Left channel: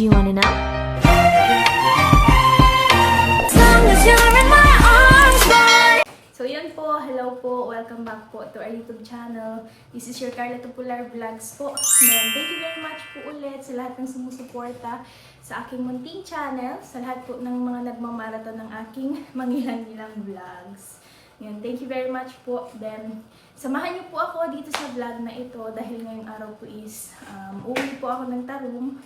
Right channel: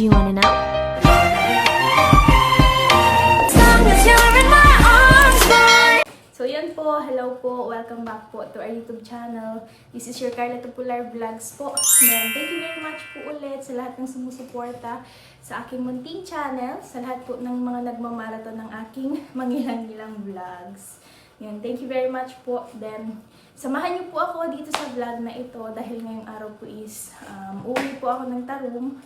Do you wanna know? As long as you're in my arms, boy. So yan po, hello po, welcome back po to our YouTube channel. This is your Carla Tupular Vlogs po. And thank you very much po ulit sa lahat ng sumusuporta sa aking munting channel, sa lahat po ng mga nagmamarathon ng aking mangilang-ilang vlogs. Yan, thank you very much po. Then, samahan niyo po ako dito sa vlog na ito dahil ngayong araw po is uwi po ako ng Tarum.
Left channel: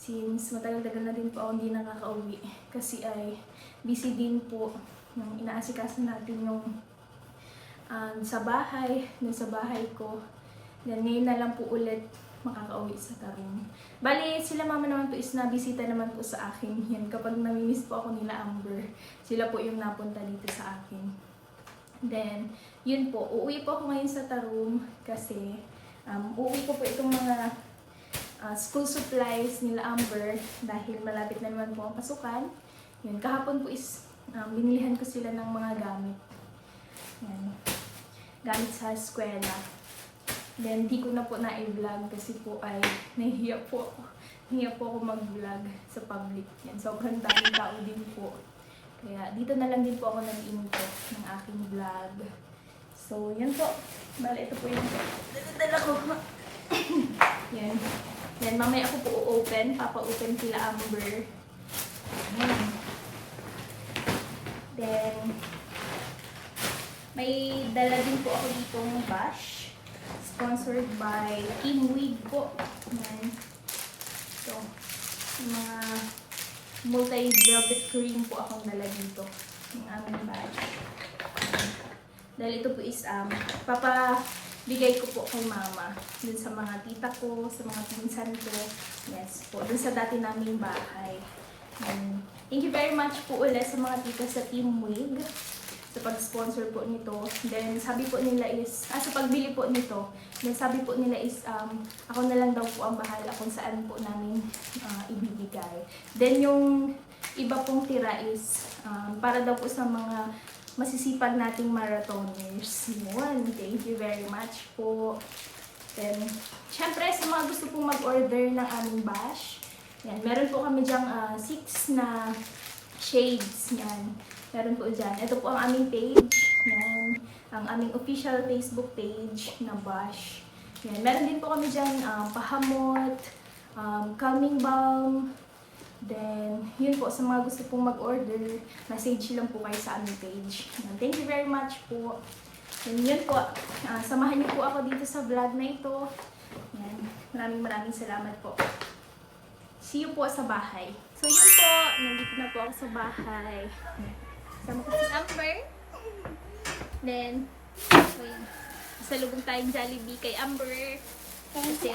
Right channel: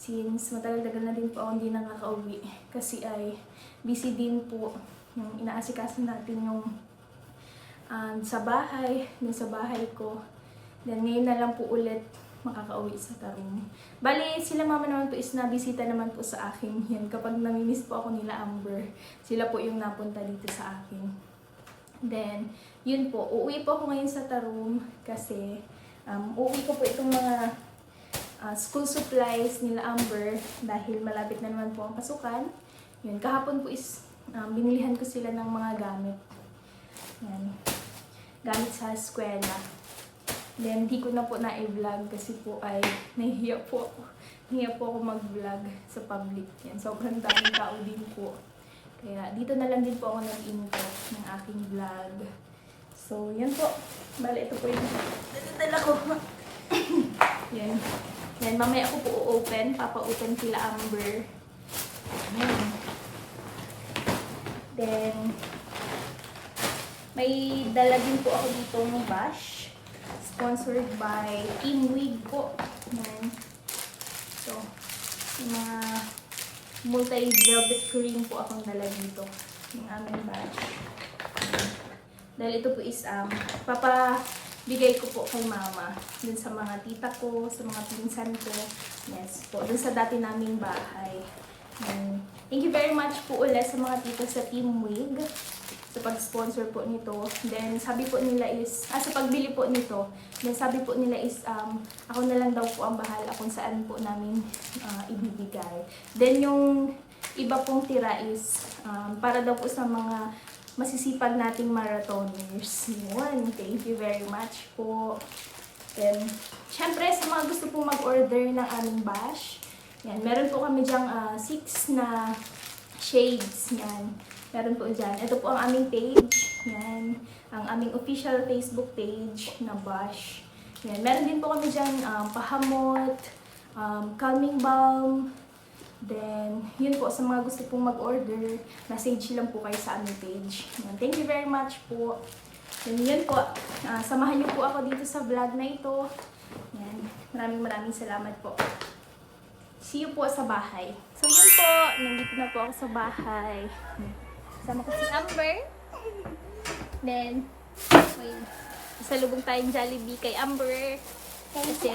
Since matagal-tagal na din po ako hindi nakaka-uwi kasi ay busy din po yung inaasikaso natin yung sa bahay, dun sa bahay ko. Then ngayon na lang po ulit makaka-uwi sa Tarum. Bali, sila mama naman po is nabisita naman po sa akin. Yan, kapag namimiss po ako nila Amber, sila po yung napunta dito sa akin. Then, yun po, uuwi po ako ngayon sa Tarum kasi uuwi ko po itong mga school supplies nila Amber dahil malapit na naman po ang pasukan. Yun, kahapon po is binilihan ko sila ng mga gamit. Yan. Gamit sa eskwela. Then, di ko na po na-vlog kasi po ay nahihiya po ako. Nahihiya po ako mag-vlog sa public. Yan. Sobrang daming tao din po. Kaya, dito na lang din po ako nag-intro ng aking vlog. So, yan po. Bale, ito po yung dala ko. Yan. Yan, mamaya ako po open. Papa-open sila Amber. Yan. Then, may dala din po ako dito ng bash. Sponsored by Team Wig po. Yan. So, yung mga multi-velvet cream po akong dala dito. Yung aming bash. Dahil ito po is, papabigay ko po kay mama. Dun sa mga tita ko, sa mga pinsan ko. Yes po. Dun sa dati naming bahay. Thank you very much po ulit sa mga tita sa Team Wig sa pag-sponsor po nito. Then, sabi po nila is, sa pagbili po nito, then sabi po nila is, ako na lang daw po ang bahala kung saan po namin ibibigay. Then, yung iba pong tira is, para daw po sa mga masisipag nating marathoners. Yun, thank you very much po. Then, syempre, sa mga gusto pong mag-order ng aming bash, yan, meron po kami dyang 6 na shades. Yan. Meron po dyan. Ito po ang aming page. Yan. Ang aming official Facebook page na Bash. Yan. Meron din po kami dyan pahamot, calming balm. Then, yun po. Sa mga gusto pong mag-order, message lang po kayo sa aming page. Yan. Thank you very much po. And yun po. Samahan niyo po ako dito sa vlog na ito. Yan. Maraming salamat po. See you po sa bahay. So yun po, nandito na po ako sa bahay. Sama ko si Amber. Then, wait, salubong tayong Jollibee kay Amber. Kasi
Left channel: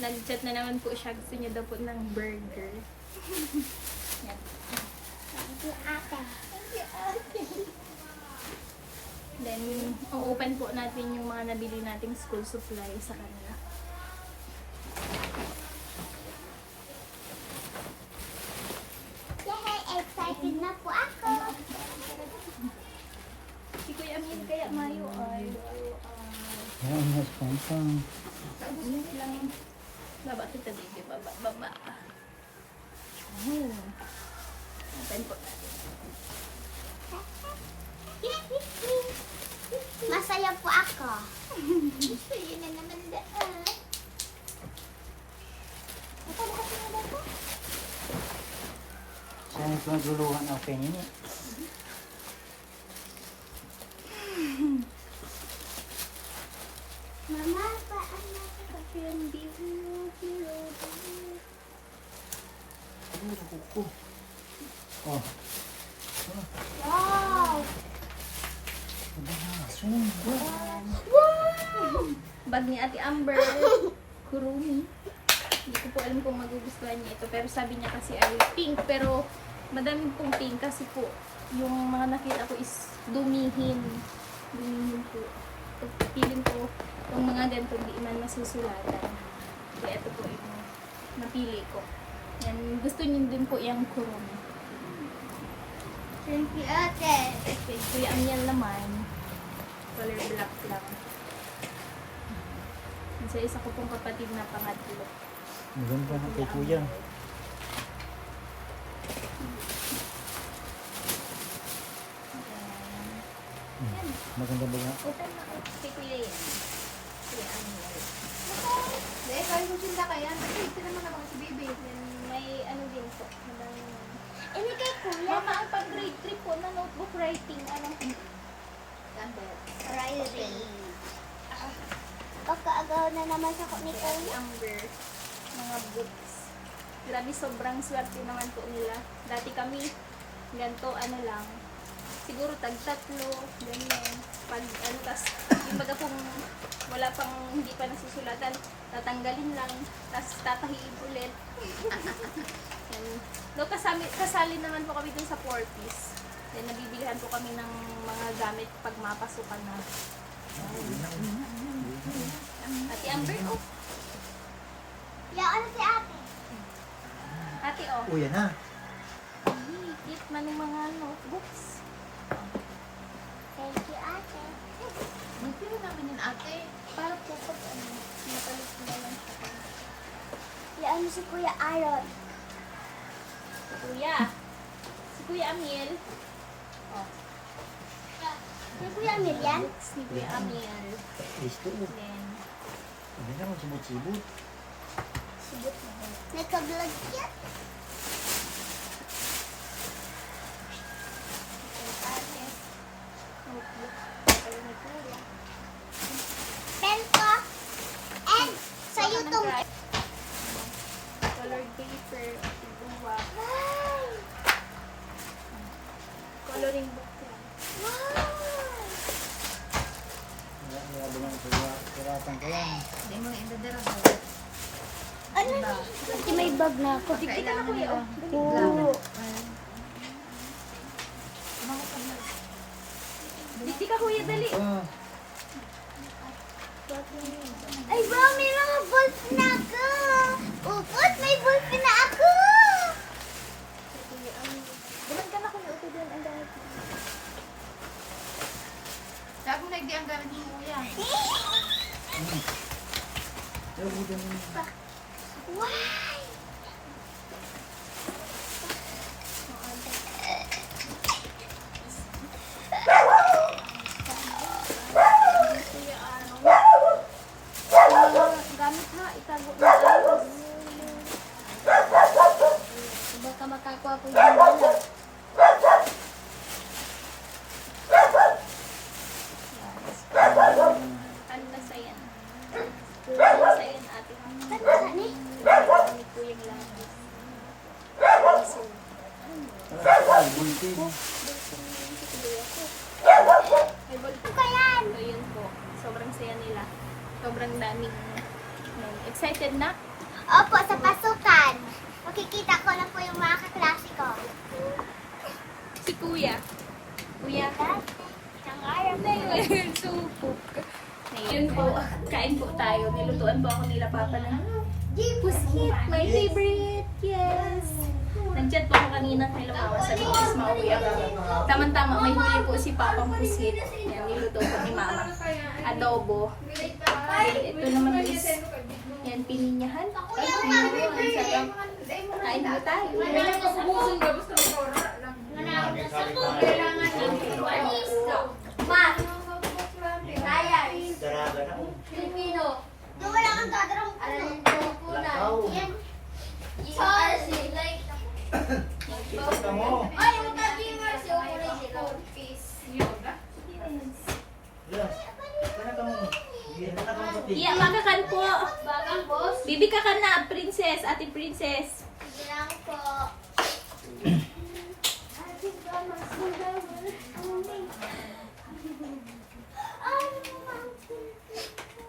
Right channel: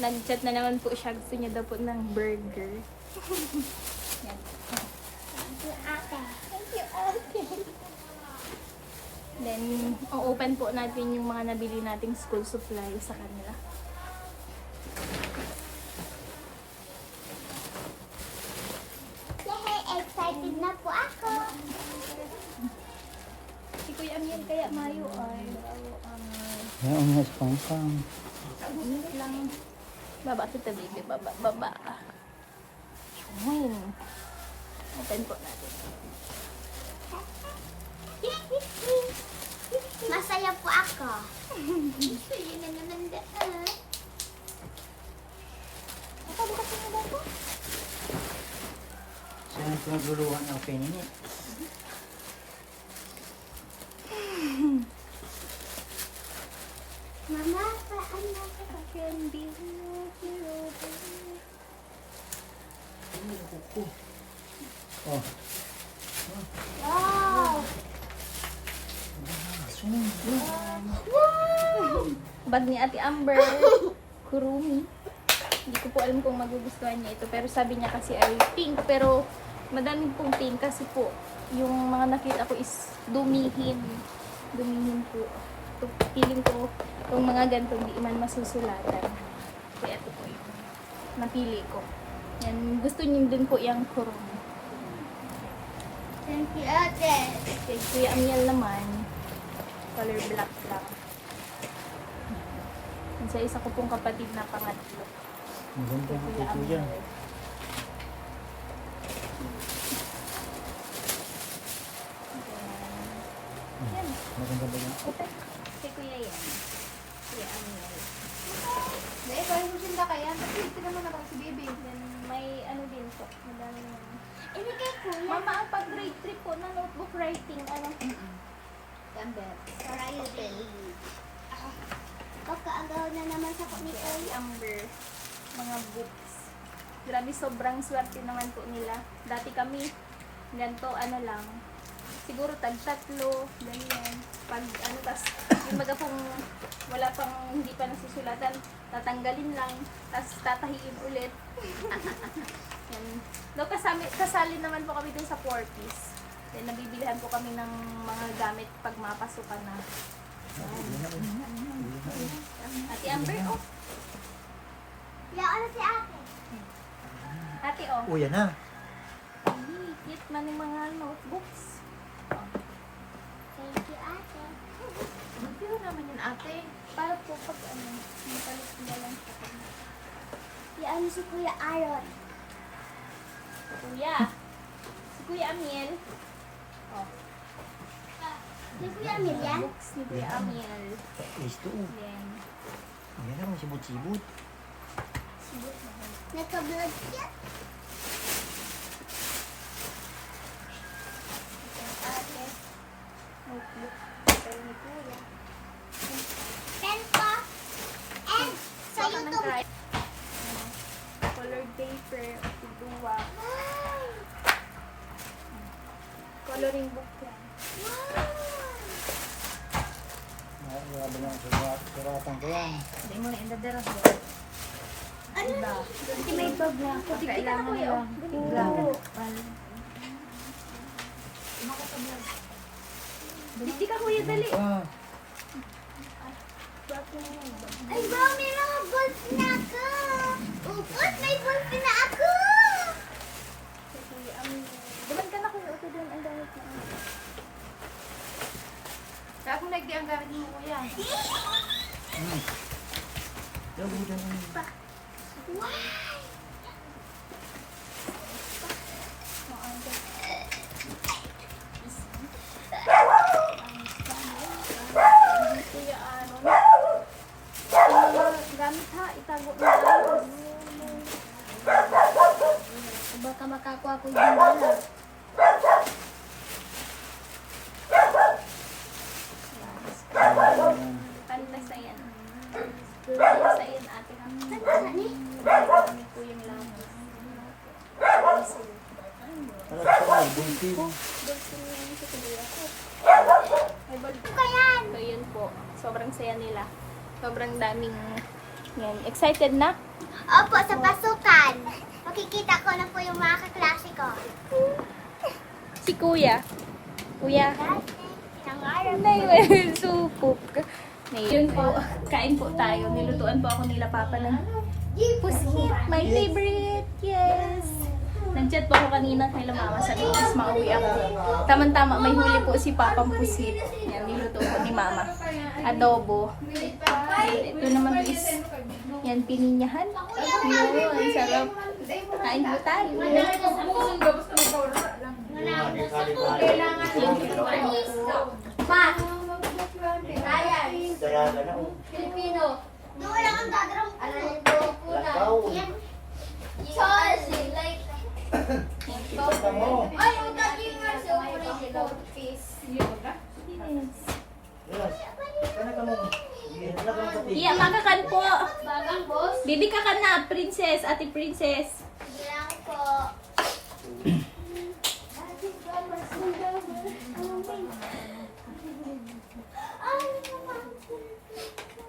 nag-chat na naman po siya. Gusto niya daw po ng burger. Thank you, ate. Thank you, ate. Then, open po natin yung mga nabili nating school supply sa kanila. Excited na po ako. Si Kuya Amir kaya Mayo ay Ang pang-pang. init lang. Baba kita, baby. Baba. Ayun. Open po natin. Masaya po ako. Masaya na naman daan. Ito, bukas na ba ito? Saan ito nagluluhan ng penny? Mama, paano ka kasi ang biho? Oh, Wow! Wow! Bag ni Ate Amber. Kurumi. Hindi ko po alam kung magugustuhan niya ito. Pero sabi niya kasi ay pink. Pero madami pong pink kasi po yung mga nakita ko is dumihin. Dumihin po. So, feeling ko itong mga ganito hindi man masusulatan. Kaya ito po yung napili ko. Yan, gusto niyo din po yung kurumi. Thank you, ate. Okay, Kuya Amiel naman, color black lang. Sa isa ko pong kapatid na pangatlo. maganda na kay kuya. Yan. Maganda ba yan? Opo na. Kay Kuya yan. Kuya Amiel. Dahil kaya mo sila kaya, nakikita naman ako si baby. Yan, may ano din po. Madami yan. Ini kay kuya. Mama, ang pag grade 3 po na notebook writing, ano? Writing. Pagkaagaw na naman sa ni Si kuya. Amber. Mga books. Grabe, sobrang swerte naman po nila. Dati kami, ganito, ano lang, siguro tag-tatlo, ganyan. Pag ano, tas, yung baga pong wala pang, hindi pa nasusulatan, tatanggalin lang, tas tatahiin ulit. Yan. No, kasali naman po kami dun sa 4-piece. Then, nabibilihan po kami ng mga gamit pag mapasukan na. Ate Amber, oh. Ya, ano si ate? Ate, oh. Oh, yan na. Cute man yung mga notebooks. Thank you, ate. Magpiro naman yan, ate. Para po pag ano, mapalit na lang sa kanya. Ya, ano si Kuya Aaron? Kuya. Si Kuya Amiel. Oh. Si Kuya Miriam? Books ni Kuya Amiel. Listo. Then, Ayan na, may sibot-sibot. subot na yun. Nagka-vlog yan. Ate. Notebook. Pero ni Kuya. Pen ko. And sa Baka YouTube. nag-try. Colored paper. Tigduwa. Wow! Coloring book yan. Wow! Sirapan ko yan. Hindi mo na indadara ko. Ano ba? Kasi may bag na ako. Kailangan Kuya, nila. Oo. Dikti ka Kuya, dali. Ah, Ay, ba, may mga balls na ako. Upot, may balls na ako. Buman ka na Kuya, okay din ang gamit mo. Sa akong nagdi ang gamit mo, kuya. pero buto na yun. Wow! Kuya Aaron. Gamit ha, itago mo tayo. Baka makakuha ko yung bala. Panlasayan. Panlasayan ate. Saan eh? Gamit po yung lamas. Parang sa buntis. Ay, bag Ano yan? So, yun po. Sobrang saya nila. Sobrang daming yan. Excited na? Opo, sa pasukan. Makikita ko na po yung mga kaklase ko. Si Kuya. Kuya. Nangarap Na yun. Supok. Yun po. Kain po tayo. Nilutuan po ako nila Papa ng puskit. My favorite. Yes. Nandiyan po ako kanina kay Mama sa loob. Tapos mauwi ako. Tamang-tama. May huli po si Papang puskit. Yan. Nilutuan po ni Mama. Adobo. Ito naman is yan, pininyahan. Yun, ang sarap. Kain po tayo. Yung wala kang gagarap. Yan. Sorry. Like, ay, magka-gamers yung Iya, makakan po. Bibi ka ka na, princess, ate princess. Bilang po.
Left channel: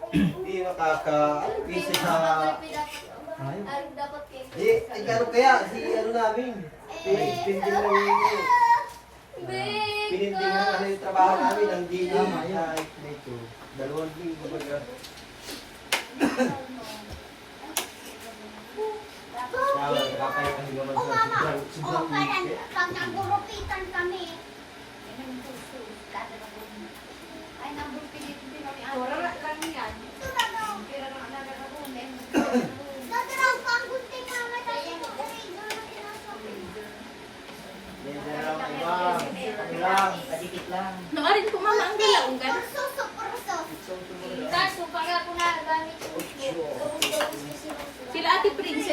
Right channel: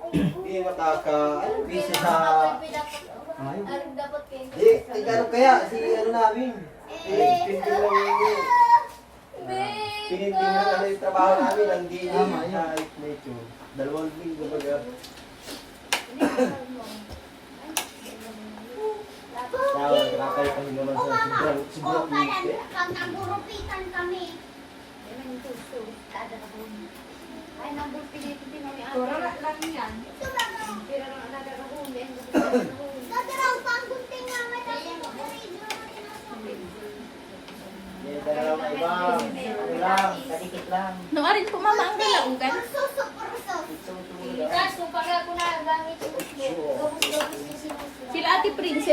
Hindi nakaka-busy sa... Dapat kayo. ano kaya? Si ano namin? Pinindin mo yung... Pinindin mo ano yung trabaho namin. Ang gino sa medyo. 2 linggo baga. Nakakaya kami naman sa sobrang init. Nagurupitan kami. Ay, naburupitan din kami. Pura lang yan. Nadarang ko ang gunting mga kasi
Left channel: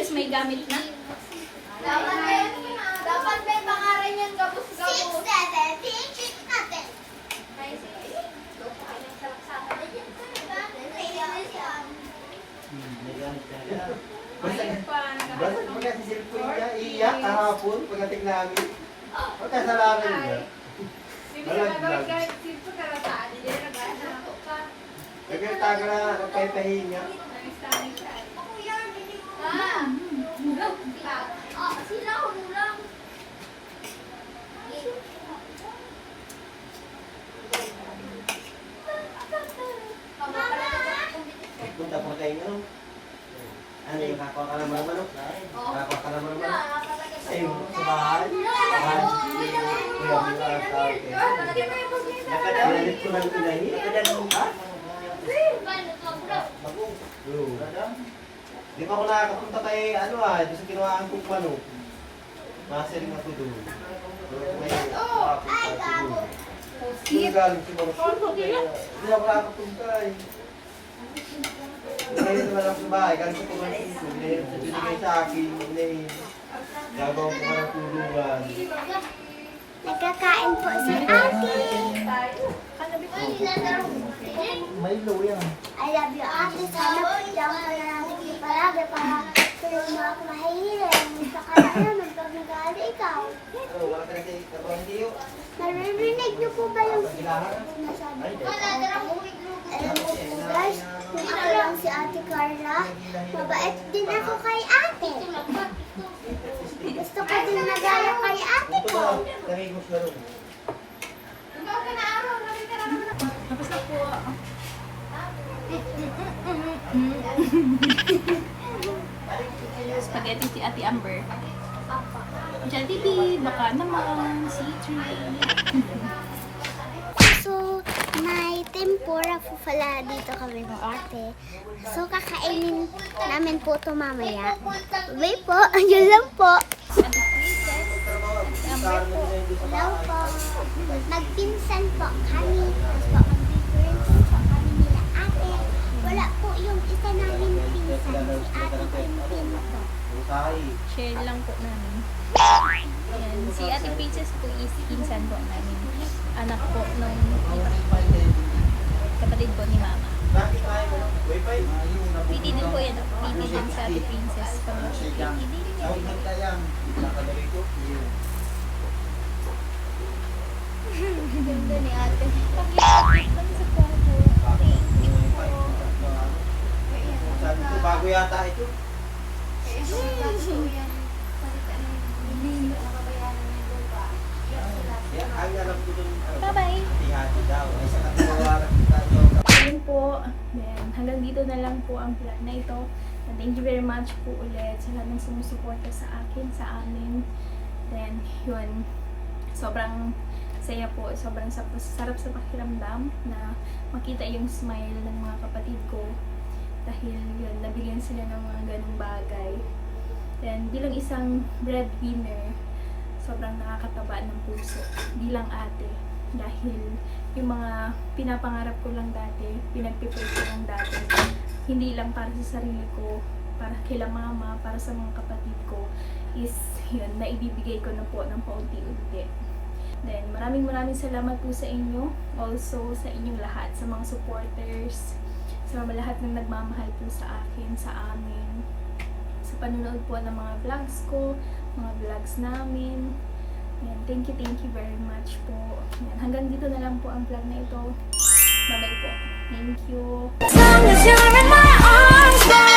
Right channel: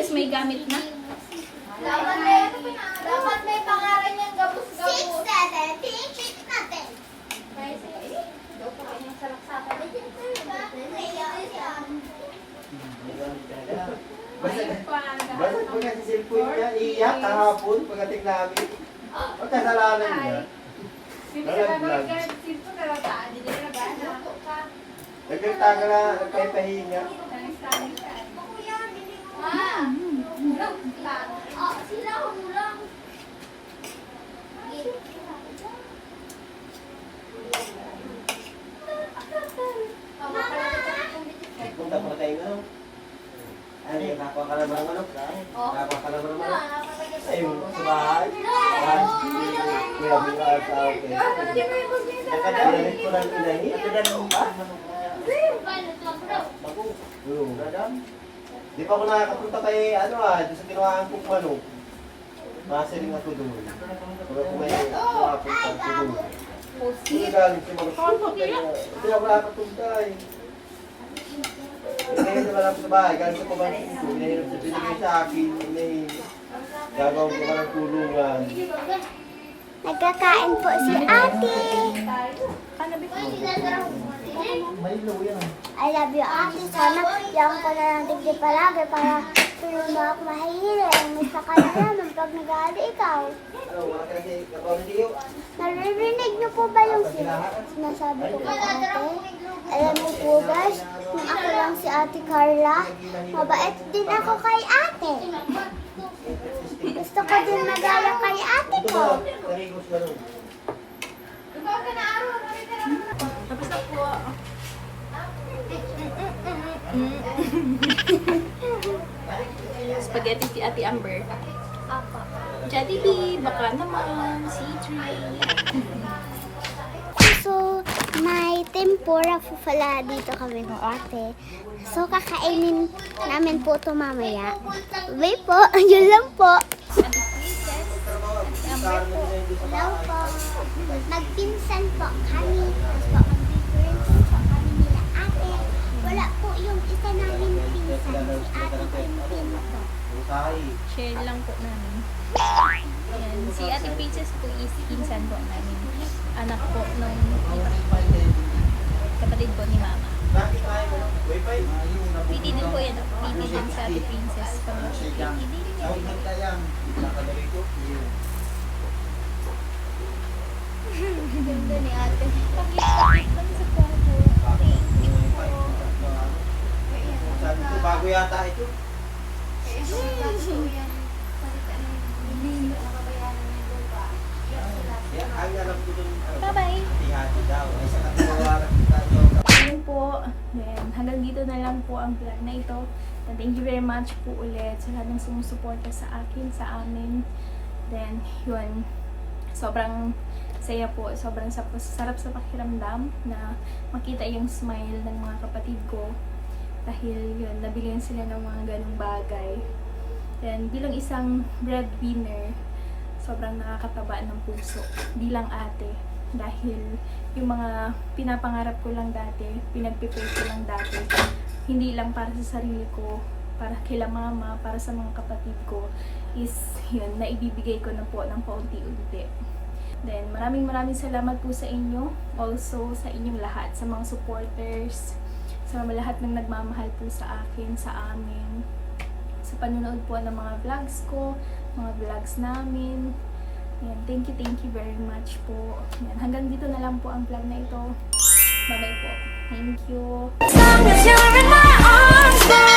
Princess, may gamit na. Dapat may pangalan yung gabos-gabos. 6, 7, tingin natin. Bakit mo kasi cellphone niya, iiyak kahapon pagdating namin. Pagkasalanan niya. Nagkita ka na, nagpapahin niya. Sila ko lang. Punta pa kayo, ano? Ano yung kapwa ka naman ng manok? Kapwa ka naman ng manok? Ayun, sa bahay. Kuya mo ka sa akin. Nakadalit ko ng inahin. Nakadalit mo ka? Di pa ako nakakapunta kay ano doon sa ginawahan kong manok. Masiling ako doon. Pag ako may nakapunta ako doon. Hindi galing si Manok. Hindi ako nakapunta eh. Inahin naman ako sa bahay. Galing sa pamangkin ko. Inahin sa binigay sa akin. Inahin. Gagawin ko ka ng tulungan. Nagkakain po si ate. May yan. I love you, ate. Sana yan ko na lang tigdi palagi para tulog mo ako mahihirin. Sa kalaman pag nag-aali ikaw. Ano, wala ka kasi kapamiliyo. Naririnig niyo po ba yung sinasabi ko po ate? Alam mo po guys, kung ako lang si ate Carla, mabait din ako kay ate. Gusto ko din magaya kay ate ko. Nahigos na nun. Tapos na po. Spaghetti si Ate Amber. Jollibee, baka naman, C3. So, may tempura po pala dito kami ng ate. So, kakainin namin po ito mamaya. Bye po, yun lang po. Ate Princess, Ate Amber po. Hello po. Magpinsan po kami. Tapos po, mag-difference po kami nila ate. Wala po yung isa namin pinsan, si ate Pimpin po. Utay. Share lang po namin. Ayan, si Ate Princess po is pinsan po namin. Anak po nung kapatid po ni Mama. Bakit tayo mo? Wi-Fi? Pwede din po yan. Pwede din sa Ate Princess. Pwede din Tawag yan. ng tayang. Nakadali ko. Ganda ni Ate. Pag-ibig lang sa kwarto. Thank you po. Sabi ko, bago yata ito. Yan, ang alam ko dun. Bye-bye. Hati-hati daw. Ay, sa katiwawalan tayo. Ayun po. Then, hanggang dito na lang po ang vlog na ito. And thank you very much po ulit sa lahat ng sumusuporta sa akin, sa amin. Then, yun. Sobrang saya po. Sobrang sarap sa pakiramdam na makita yung smile ng mga kapatid ko. Dahil yun, nabigyan sila ng mga ganong bagay. Then, bilang isang breadwinner, sobrang nakakataba ng puso. Di lang ate. Dahil yung mga pinapangarap ko lang dati, pinagpipray ko lang dati, hindi lang para sa sarili ko, para kila mama, para sa mga kapatid ko, is yun, naibibigay ko na po ng paunti-unti. Then, maraming salamat po sa inyo. Also, sa inyong lahat, sa mga supporters, sa mga lahat ng nagmamahal po sa akin, sa amin, sa panonood po ng mga vlogs ko, mga vlogs namin. Yan, thank you very much po. Yan, hanggang dito na lang po ang vlog na ito. Bye-bye po. Thank you. As long as you're in my arms, boy.